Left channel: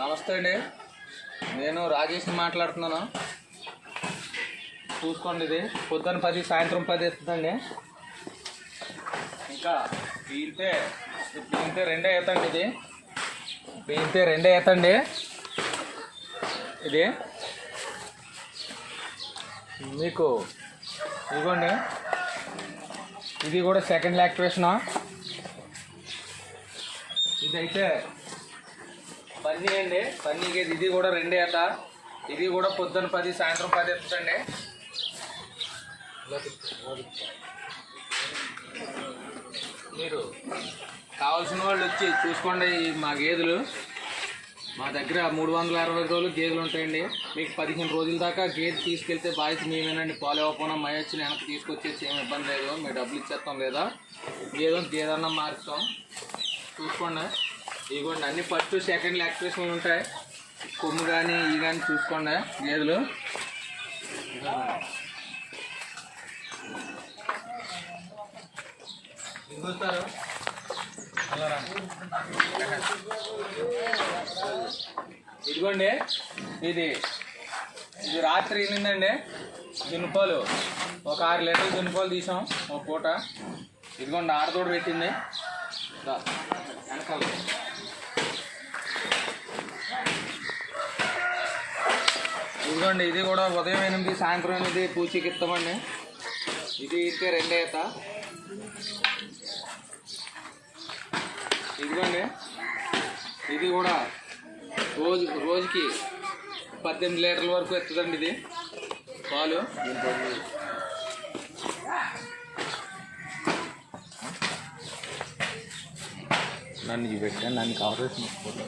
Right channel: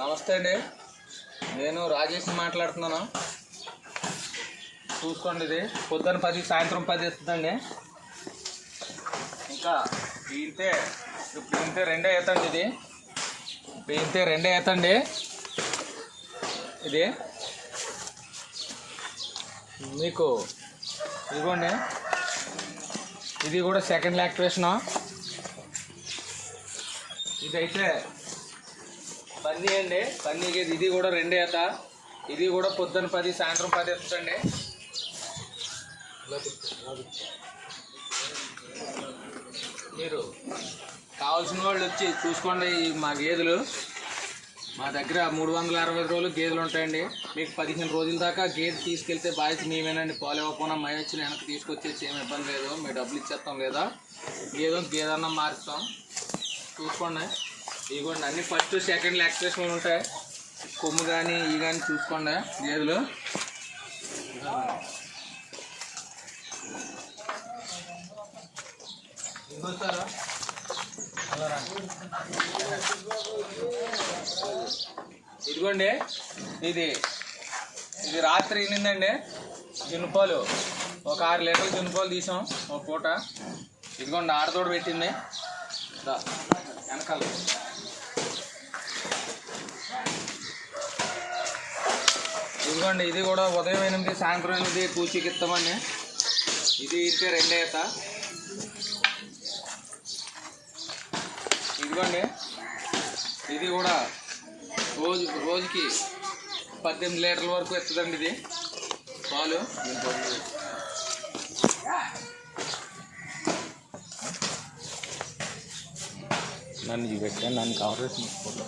నమస్తే అండి. నేను రాజేష్ మాట్లాడుతున్నాను. చూసుకోండి ఇది. పొద్దున్న పది సాయంత్రం పది ఇస్తుందండి ఇంకా పీలితే పీలితే రెండే అవుతండి ఇది. పీలితే రెండే అవుతండి ఇది. మీకు ఇదిగోండి. ఇది కూడా సెకండ్ యాక్టివేషనా ఇదైతే పన్నీ అండి పన్నీకి ఇది కూడా రెండే అట. ఇది కూడా పొద్దున్న పది సాయంత్రం పది ఎత్తండి మీరు కావాల్సిన వాళ్ళు వచ్చి చూసుకోండి ఈ మా గేదెలు. మా దగ్గర మూడు వందల అరవై రోజులు గేదెలు ఉంటాయండి. మీకు పదిహేను రోజుల దాకా గేదె తీసుకెళ్తే బాధ్యత మేమేనండి. పాలు ఇవ్వకుండా మై వచ్చి వెనక్కి తీసుకొచ్చేసి ఏమి ఇబ్బంది లేదు. మేము డబ్బులు ఇచ్చేస్తాం లేదా? గేదె గేదన్నా మారుస్తాం. చూసుకోండి. ఇదిగోండి అన్ని ఫస్ట్ సెకండ్ లాక్టేషన్ ఉంటాయి. కొమ్ము కానీ ఇవి కానీ చూసుకోండి గేదెలు. ఇదిగోండి ఇది ఇది రాత్రి వెళ్ళిందండి. జునుపాలు ఒక ఆరు లీటర్లు జునుపాలు తీసాం ఒక పూట. ఇదిగోండి ఆడతోడు పెట్టింది. వెనకాల. ఇదిగోండి ఇది కూడా ఉదయం ఎనిమిది సాయంత్రం ఎనిమిది పూచికి ఇస్తామండి. ఇది ఇంతే రెండే ఈత ఇదిగోండి ఇది కూడా రోజు రోజుకి పద్దెనిమిది లీటర్ల వరకు ఇస్తుందండి ఇది పాలు. నన్ను చూపెట్టాను నన్ను కావాల్సిన ఫోటో